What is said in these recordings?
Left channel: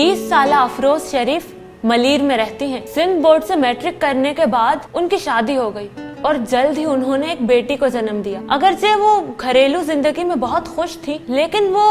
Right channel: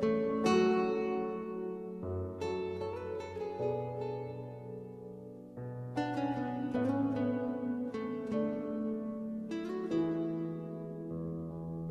30 साल अफरोज शरीफ मलीर में रहती हैं। सिंध बोर्ड से मैट्रिक करने के बाद उनकी शादी हो गई और जल्द ही उन्होंने एक बेटी को जन्म दिया। अगरचे वो घरेलू जिंदगी में बहुत खुश थी, लेकिन वो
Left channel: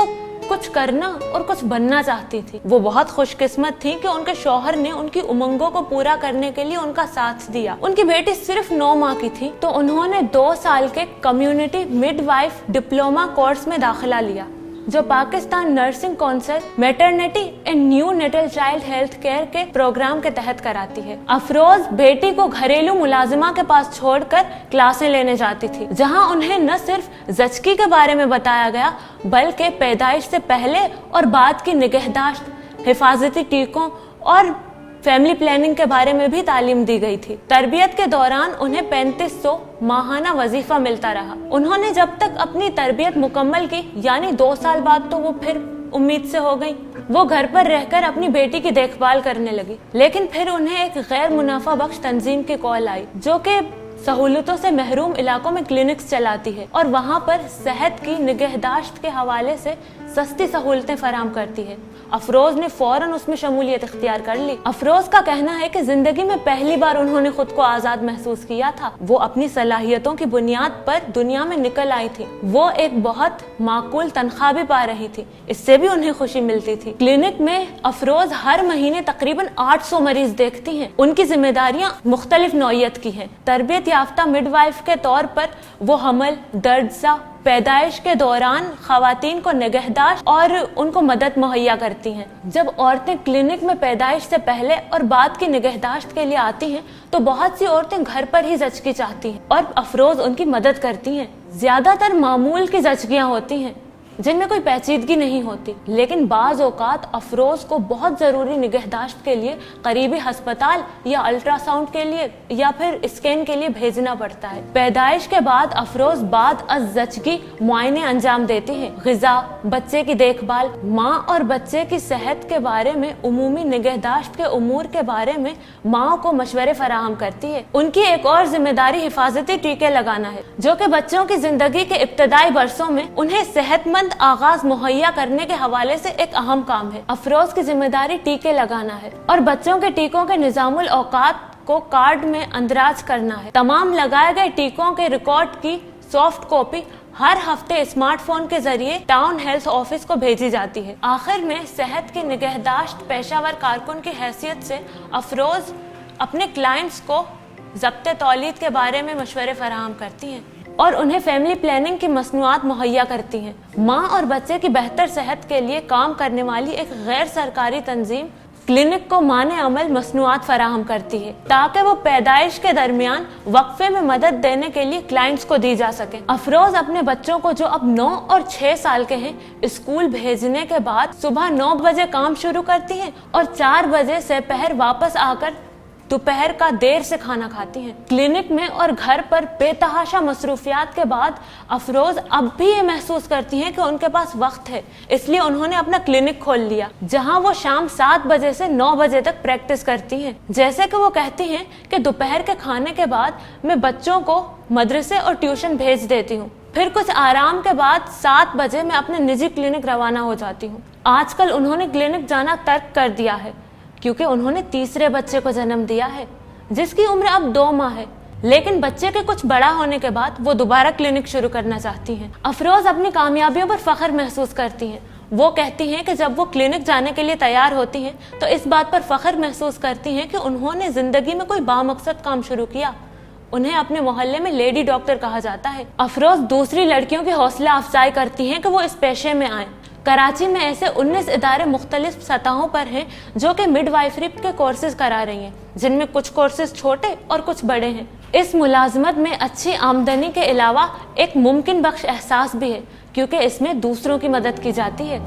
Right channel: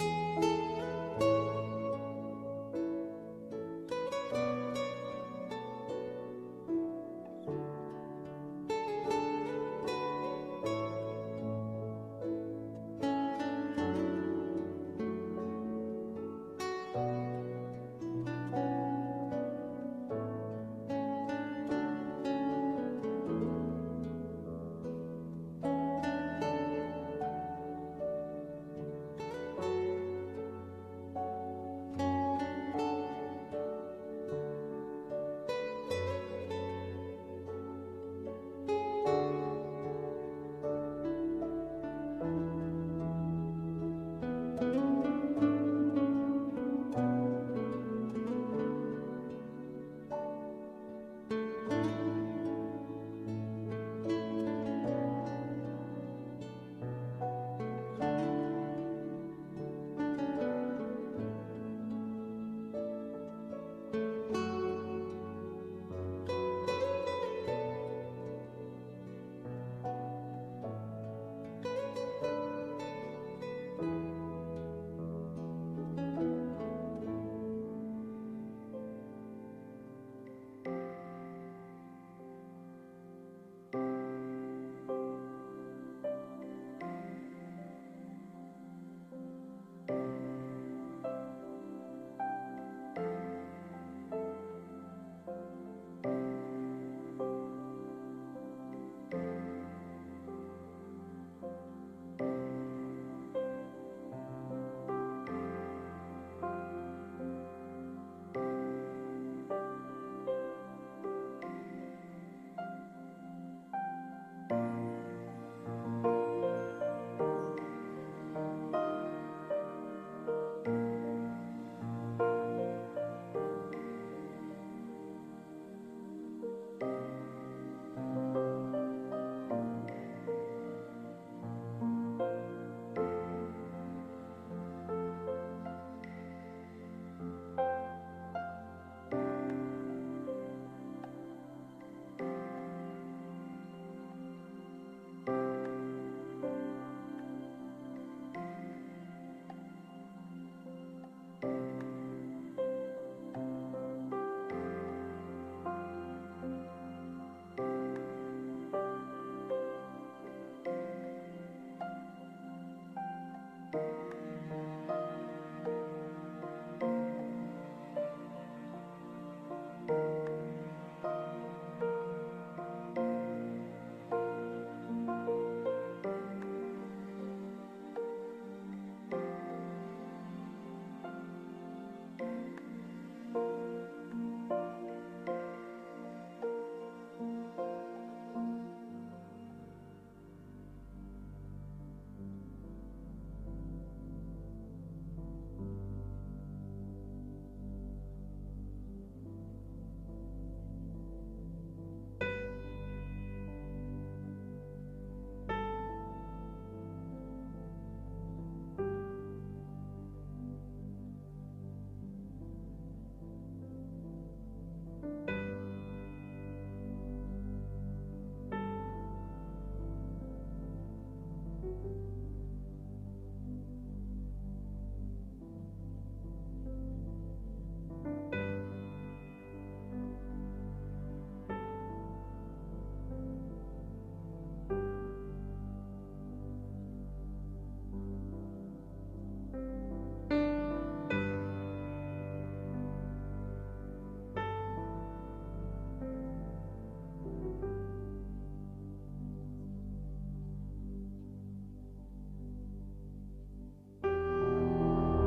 कुछ करना और कुछ बनना चाहती थी। वो बहुत खुशकिस्मत थी कि उनके शौहर ने उनकी उमंगों को पूरा करने के लिए उनका साथ दिया। उनकी बेटी सिर्फ 9 माह की थी तो उन्होंने 2 साल के कम्युनिटी मिडवाइफ डिप्लोमा कोर्स में दाखिला लिया, जो Pakistan nursing council maternity and neonatal child health care के प्रोग्राम के तहत कराती है। अफरोज बेटी को घरेलू मुलाजिमा के पास छोड़कर क्लासें लेने जाती थी, जहां उन्हें न सिर्फ जचकी के बारे में बताया गया बल्कि पैदाइश से पहले और बाद की निगहदाश्त, हिफाजती टीकों और फैमिली प्लानिंग के बारे में भी तालीम दी गई थी। तरबियत के दौरान उन्हें 3500 माहाना वजीफा मिलता रहा। उन्होंने जब तक अपनी तरबियत मुकम्मल की, यानी 2 साल बाद तो वो फिर उम्मीद से हो गई, वो घर पर रहकर अपनी बेटी की देखभाल करने लगी। लेकिन फिर उन्हें एक गैर मुनाफा बख्श तंजीम की कॉल आई, जो कि सहूलतों से महरूम इलाकों में क्लिनिक्स चलाती है और वहाँ पर सेहत की निगहदाश्त के हवाले से सस्ती सहूलतें फराहम करती है। अफरोज ने फौरन उसमें शमूलियत इख्तियार कर ली। अफरोज का कहना है कि जिंदगी में पहली बार उन्होंने खुद को आजाद महसूस किया था। वो अपनी सलाहियतों की बुनियाद पर दुनिया में निकल आई थी। वो एक बहुत माकूल तनख्वाह भी पा रही थी, इससे भी उन्हें खुशी मिलती थी। क्लिनिक में अफरोज हर महीने तकरीबन 800 मरीज देखती हैं। उनकी जिम्मेदारियां मुख्तलिफ नौइयत की हैं। तरबियत याफ्ता मिडवाइफ के तौर पर वो हमल, दर्द, पैदाइश के दौरान खवातीन को निगहदाश्त और उनको मदद मुहैया करती हैं। जब औरतें क्लिनिक में पैदाइश से पहले और बाद की निगहदाश्त के लिए आती हैं तो बहुत सी औरतें घर पर ही जचकी चाहती हैं और अफरोज उनकी मदद करती हैं। ज्यादातर मामूल की जचकियां होती हैं जिनमें कोई पेचीदगी नहीं होती, लेकिन बाज औकात अफरोज को बहुत जरूरी निगहदाश्त के लिए करीबी हस्पताल या अल्ट्रासाउंड के लिए या फिर स्कैन के लिए भेजना पड़ता है। पैदाइश के बाद अफरोज बाद अज जचगी मुआयने अंजाम देती है। ग़िज़ा, बच्चे की देखभाल, माँ और बच्चे की सेहत के बारे में, उमूमी निगहदाश्त के उमूर के बारे में माँ को मशवरे फराहम करती है। उनकी एक और जिम्मेदारी हिफाजती टीके लगाना है, जो कि बच्चों की जिंदगी के इब्तदाई बरसों में उन्हें सेहतमंद आगाज मुहैया करने के हवाले से एक अहम काम है। अफरोज की जिम्मेदारी टीके लगाना है और बच्चों के टीकों के निजामुल औकात को कार्ड में अंदराज करना है। तमाम लगाए गए टीकों के रिकॉर्ड की सॉफ्ट कॉपी हर हफ्ते स्मार्टफोन के जरिए टाउन हेल्थ ऑफिस को भेजी जाती है। आखिर में सेहत की निगहदाश्त पेशावर कारकुन की हैसियत से अफरोज अपने क्लाइंट्स को ज़ब्ते तौलीद के बारे में मशवरे फराहम करती हैं और उन्हें फैमिली प्लानिंग की मसनूआत मुहैया करती हैं। माँ और बच्चे की बेहतर सेहत के लिए काम करने वाली एक गैर सरकारी तंजीम क्लिनिक को माने अमल मसनूआत फराहम करती है ताकि वो पैदाइश के दरमियान वक्फे में मदद देने के लिए क्लाइंट्स को दी जा सके। अफरोज अपने बच्चों को, जो अब 9 और 6 साल के हैं, स्कूल भेजने के बाद सुबह 9 बजे काम शुरू करती हैं और 4 बजे से पहर वापस आकर दोपहर का देर से खाना खाती हैं। क्लिनिक में और घर पर बेतहाशा मसरूफियात के बाद अफरोज अब भी ये महसूस करती हैं कि उनके पास वक्त है, इसलिए उन्होंने अपना क्लिनिक खोल लिया, जहां वो शाम 7 बजे से 9 बजे तक प्रैक्टिस करती हैं। जैसे कि वो कहती हैं कि दोपहर के खाने के बाद मैं बच्चों को मदरसे और ट्यूशन भेज देती हूँ, फिर कुछ आराम के बाद 7 बजे मैं अपने निजी क्लिनिक रवाना हो जाती हूँ। आजकल उन्होंने क्लिनिक जाना तर्क कर दिया है क्योंकि उन्होंने तीसरे बच्चे को जन्म दिया है, जिसकी उम्र अब 2 माह है। लेकिन बच्चे के कुछ बड़ा होने के बाद वो दोबारा क्लिनिक शुरू करना चाहती हैं। अफरोज अपनी कामयाबियों पर फख्र महसूस करती हैं। वो कहती हैं कि जब वो क्लिनिक जाने के लिए तैयार होती हैं तो इस बात पर फख्र महसूस करती हैं कि उन्होंने जिंदगी में कोई बामकसद काम शुरू किया। उन्हें अपने मोहल्ले में लेडी डॉक्टर कहा जाता है। अफरोज दूसरी लड़कियों की हौसला अफजाई करती हैं कि वो इस पेशे में आएं। कराची में ऐसे 19 इदारे मुख्तलिफ सतहों पर हैं जो कि मिडवाइफरी के कोर्सेज करा रही हैं, जिनमें कुछ कोर्सेज छोटे और कुछ बड़े हैं। इस मुलाजमत में अच्छी आमदनी के अलावा एक मुमकिन बख्श एहसास भी है क्योंकि इसमें दूसरों की मदद की जाती है।